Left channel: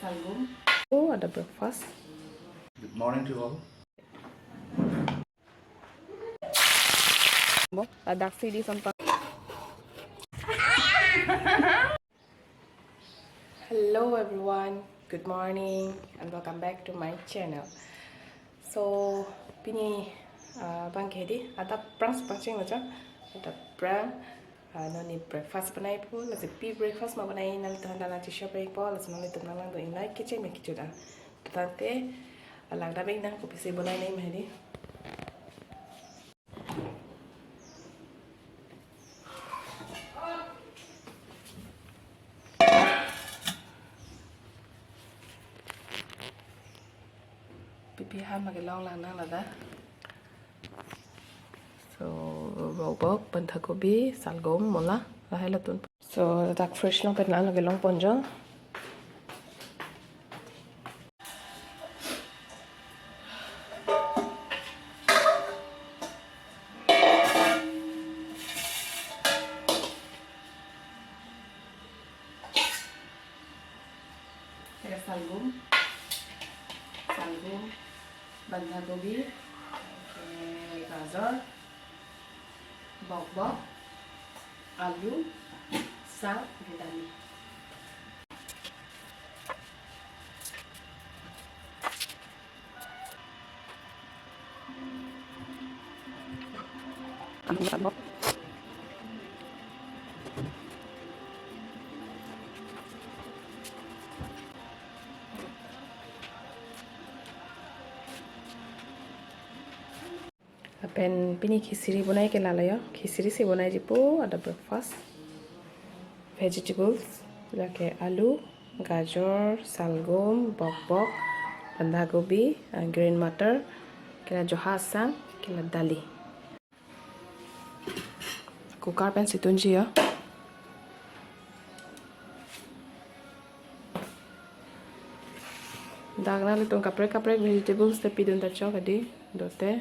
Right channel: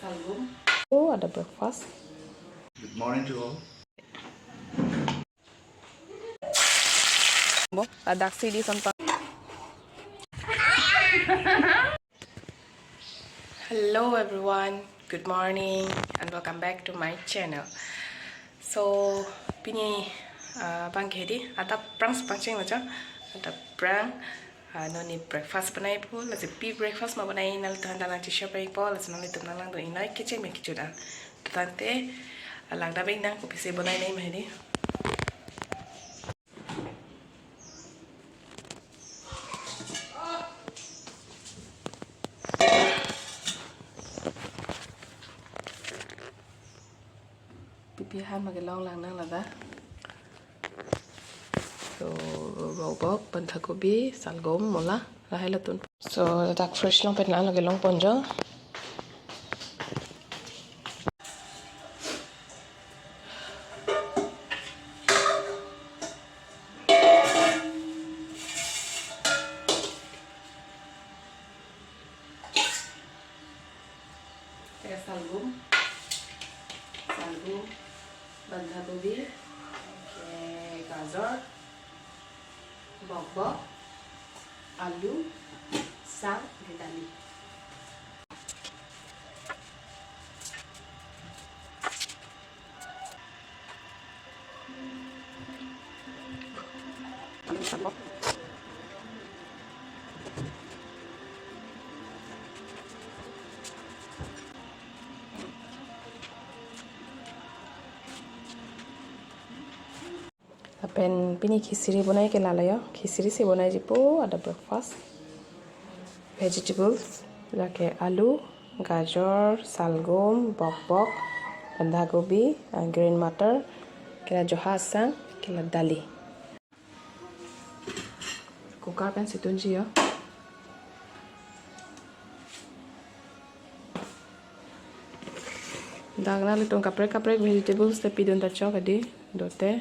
Oh, ada breakfast. Good morning to all. Ada CD sampai. Hello everyone, good morning and welcome back to my channel. So pini bang kedi ada prang sepanjang macam ada prang noni breakfast banai pun lagi pi breakfast mau banai nal tuhan dalang cisha break pun lagi nal itu nalang tu inai kecil me kecil dah tante lang dah baik nang kopi se banai nai mahdi. Pipi ham magai long lang nang lah. So robok bentakobi salgom mola lahai latun. So tak fresh long petna lagi long ponjo. Salgom, bentakobi, gajar, bok-bok, alu, sang, dali. Apen pini खिचड़ी बनाई के लालायो खिचड़ी से बनाई जिपो ada breakfast vegetables lake alu gajar salgom bok-bok bandagobi green mटर kena joha sang kena dali kukar pen situnji ya dagna litong kaprek vegetables tapi don tacho kadi dote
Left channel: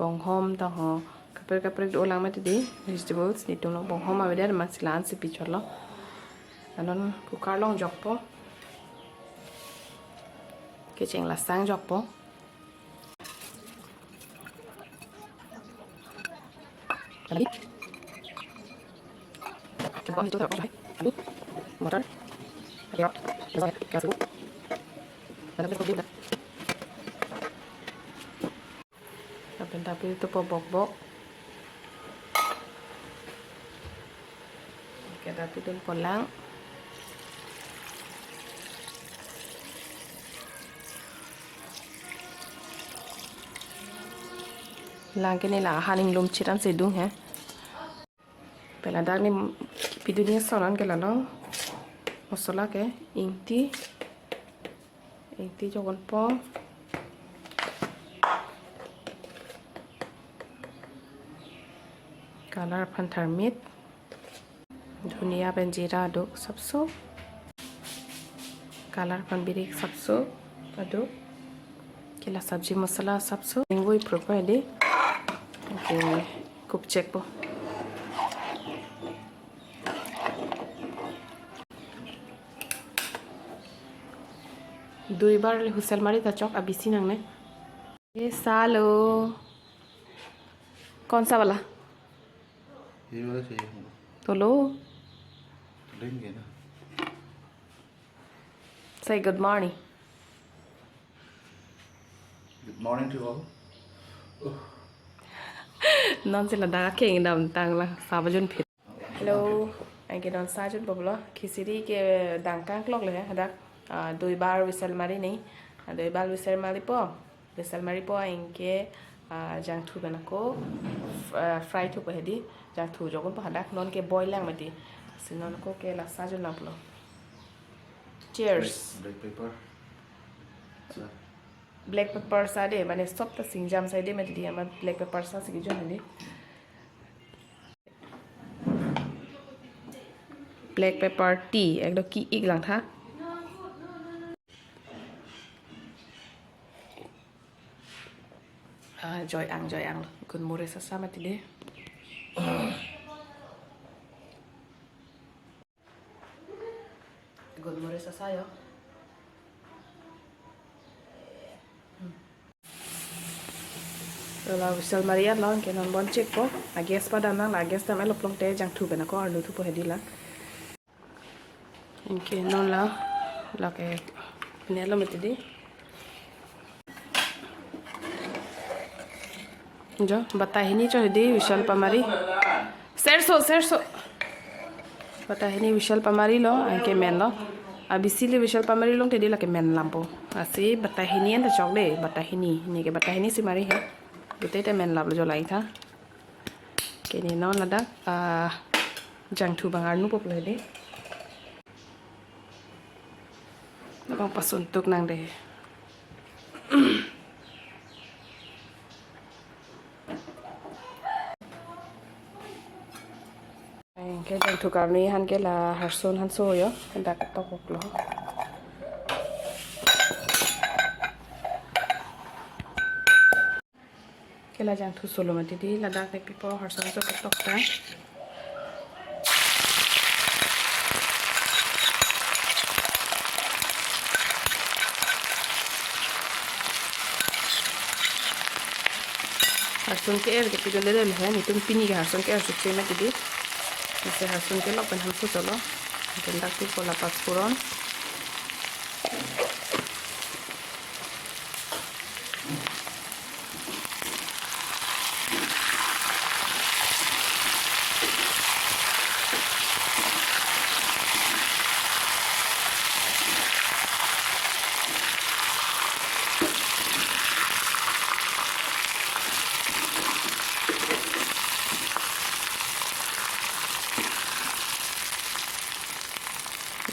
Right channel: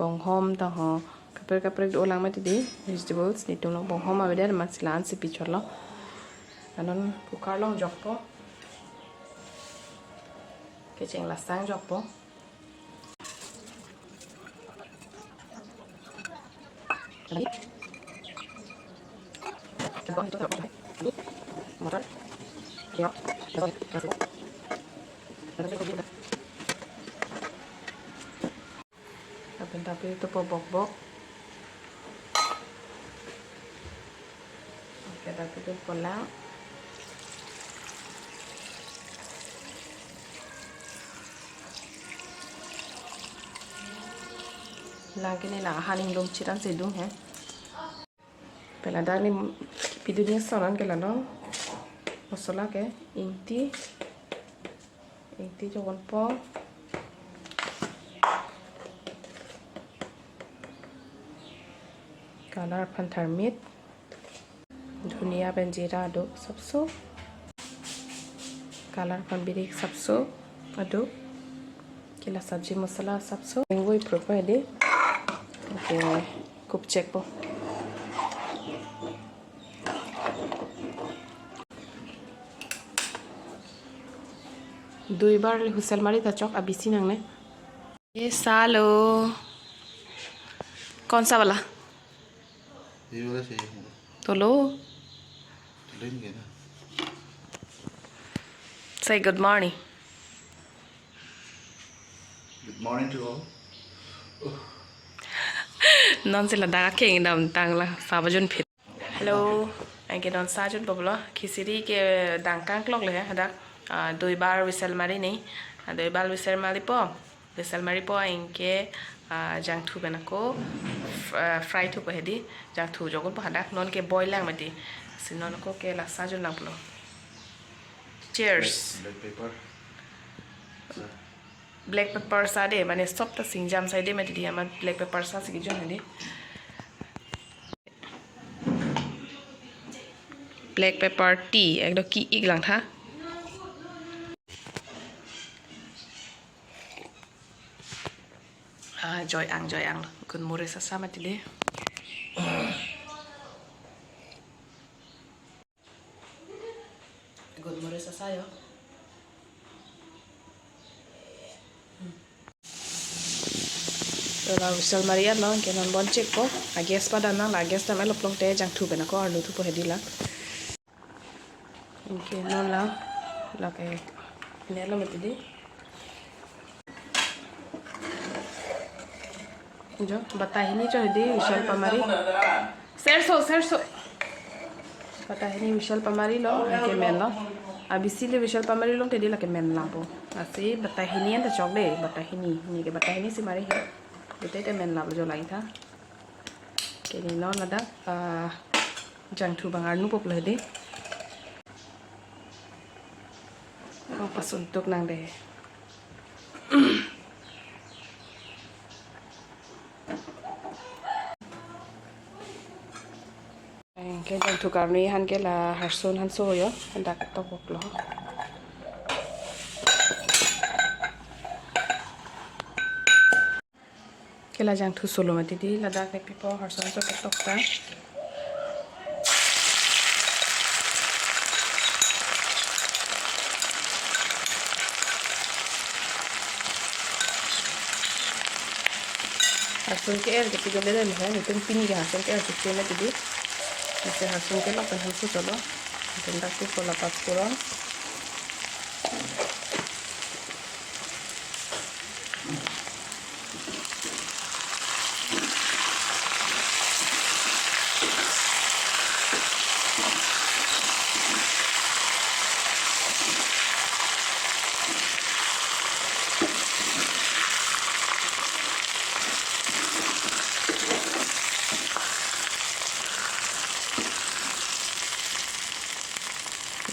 bonghom taho kaprek do lang mati di vegetables ni tong bonghom aveda masilan se picholo anon kukar long jokpo kecheng lasang jokpo tapi itu bok-bok. Oke, tapi itu pulang. Lang kini lah haning lung ciran sedung ya. Pelada ni video ni soran ke lalu. Masala ke inti jogon po. Color panther meat धनिया पेंजीरा aduk sabso color pan birik sabso aduk kila sabji masala sabso ingoi proper de oke kup check po dui bar husel mari ta chok abisi nang ne ये सालो कौन सा वाला ये वाला चाहिए हमको तो लो लेंगे ना say good morning to all. non sila daga king dam tang la sabajun phit hello anh cái đón sa chút bọc lo khiciri cái đằng căng clockเลยฮะdoi bar whistle mari nei doi bar whistle mari po anh cái jang thu benako fry thu po hedi jang thu jogon po hadak non ke boil lang mati sinon ko ke la sa jun lang plo cheers black pepper sa de mane stop ta singjam sa de mati dia black pepper sa sigi jon hedi black pepper tea ekdo ki ik lang tha joy ang kun mure sa sama tide Golmores sasayo. La whistle Maria long ke non bon check po. I guess pada na la guess ta melo plong te jang thu bena ko arlu thu po hedila. Inke non la ke nelo metidi. Jo batahini cho hedi whistle pamari. Serso. Batahini whistle pamari lo inke men lo. Abisili whistle pamari long tedi la ke men lampo. Asi batahini enta chokle batahini ni ke batahini si mari he. Betul itu men lalu jual itu, kini non ada jang tu bangal nu pop lagi, bang pas untuk nang deh. Cái jang tu karni han cái là harson han so yo, hendak topok loh. Kela jang thu solo mati di ladak nek pipo harson so ketok ta harson ke er ke gele le ho ni tum pini ga harson ke er chu mati di ise harson ke lok pen han fu solo kendak pi pola pas puron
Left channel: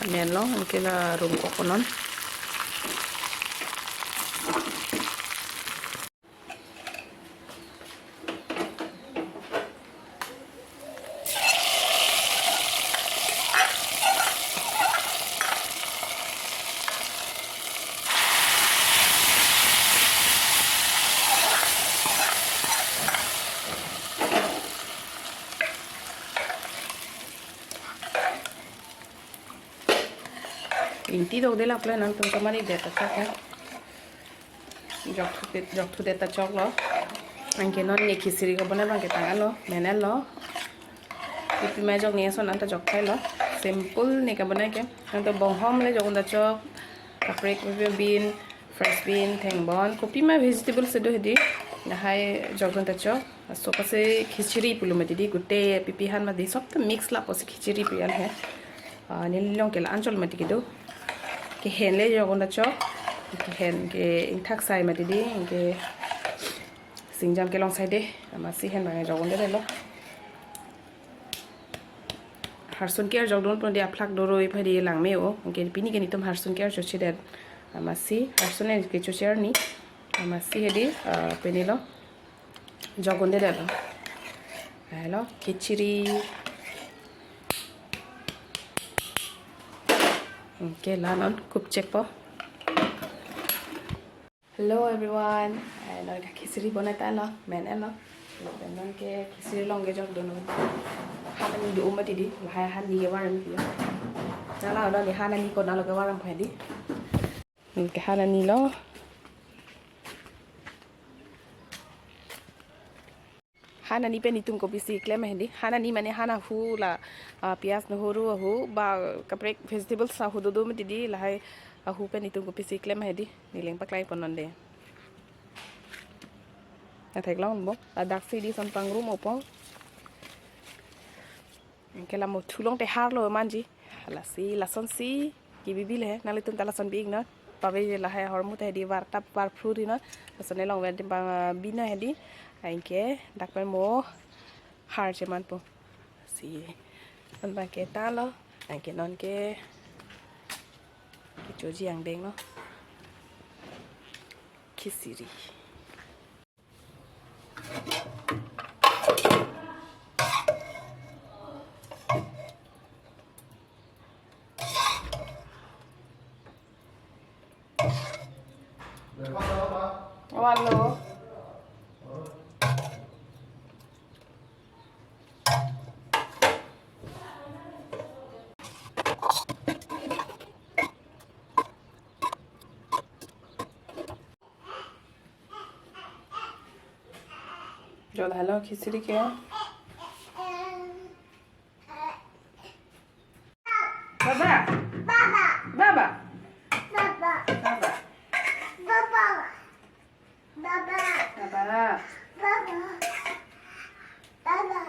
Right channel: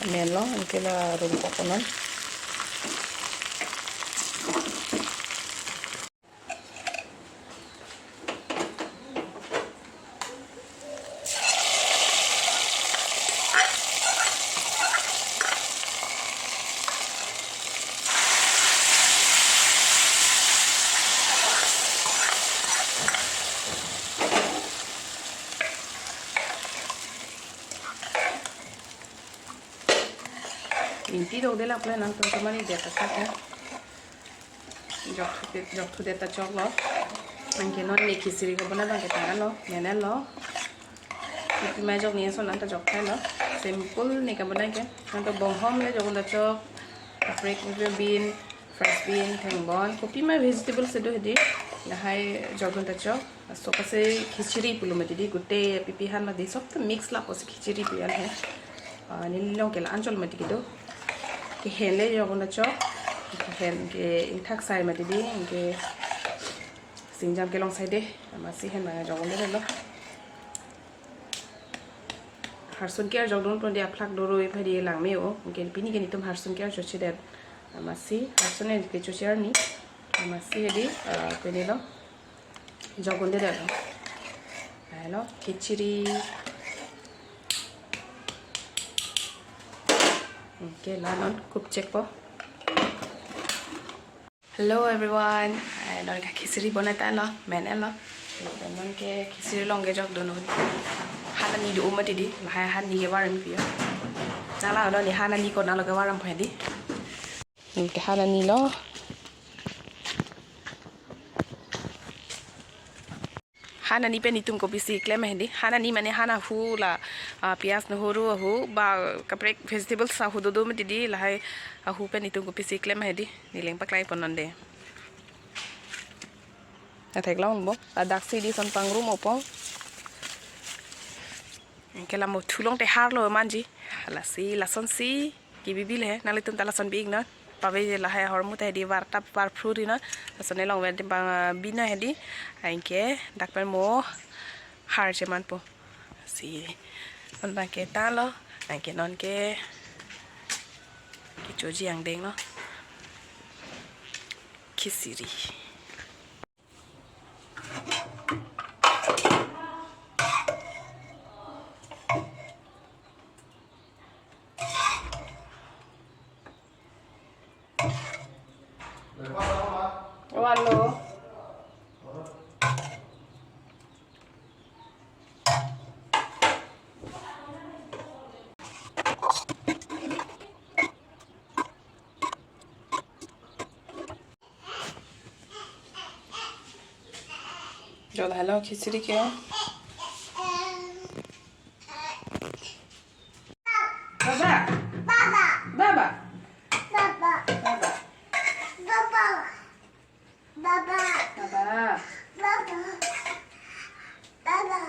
Nelo, anche la rumpo konon. Inti do de la plena tum kamari de ta ka jok thu de ta chok lo anke non ni khisiri ko bana bang ke ta lo menelo ipi ma jok ni so nan ta jok khai lo simple ni ka bana ke nan to bong hom le jok da chok paprika bean fresh bean thengbon kopi ma vegetable se do hedi na hai jok da chok so ka se khichiri pilu ma di gutte pipi han ma di sob to mix la ko se khichiri pian hai ni long ke la anchol ma di do cái hèn lấy cho con đã cho cái hèn cái thác xài mà đi cái sinh ra cái lòng xài đi mà xí hèn mà cho con đấy đó harson kia cho đúng con đi plug đồ rồi phải đi làm mèo cái pini cái này tôm harson kia cho chị đẹp mà xí harson này cái cho chị này mà xí đi cái này đó cho con đấy đó đó khichiri Okay, lanon cook check po. Hello everyone. Non ka kisiri bonata lo, men lo. Non ke kisiri long ke jok dono. Hana ni do umati di, la han ni ke waram pio. Jala do ni hana ni ko na lo ke waram phedi. Ke hana ni lo. Hana ni pe ni tum ko bisi klem hendi hana ni mane hana hu la pias no horu hu ba kaprek vegetables sa hu do meti di la hai hu pe ni tum ko bisi klem hendi ni leng paklai ponon de na thek long bo la dak si di son pang room opo ke la mo thulong te har lo manji la si la son si ki bibil he na le tum ta la son big na pawe la hai hormu te di war tap par fruit na sone long wen tim bang bina hedi ainke dak pen mo har cheman po si on bang ke ta lo ainke non ke choji ang deng lo kisiri Halo. Jual halo khiciri ke. Baba. Baba. Baba. Baba. Baba. Baba. Baba. Baba. Baba.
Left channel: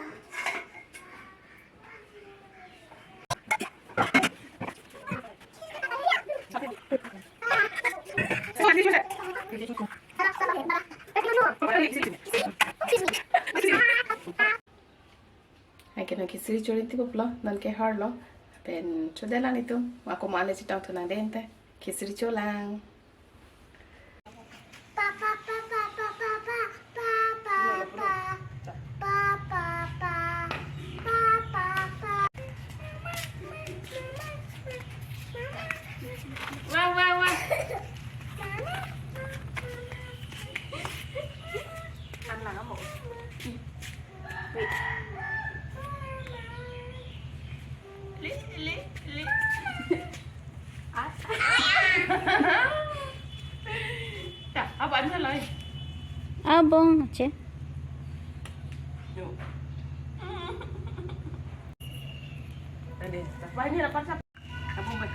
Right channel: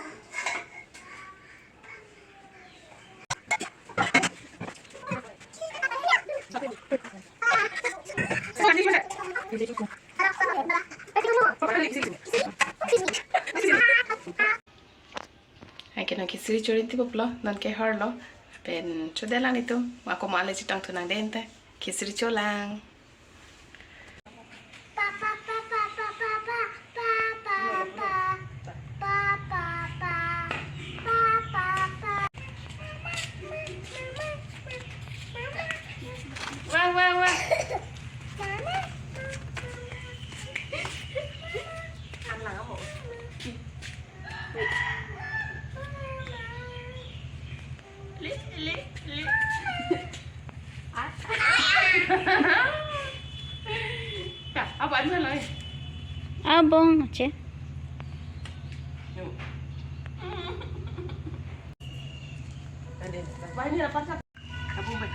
Ay kena kisiri curi tiba pula dan ke har lo pen cudelang itu aku mau alih citang tunang dente kisiri colang. Wah wah wah. Ăn lặng không? Wait. Li. Ya, apa anda lagi? Abang aja. Ada. Apa ini dapat apa? Apa baik?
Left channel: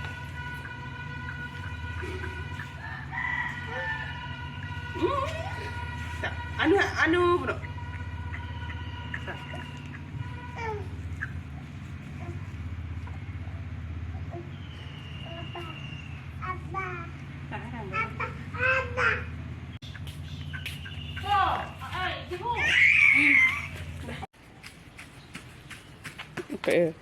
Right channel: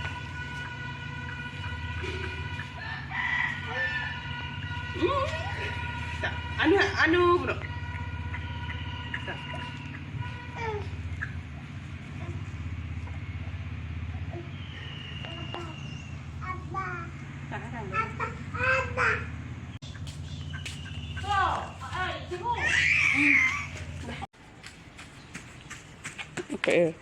Anu bro. Okay.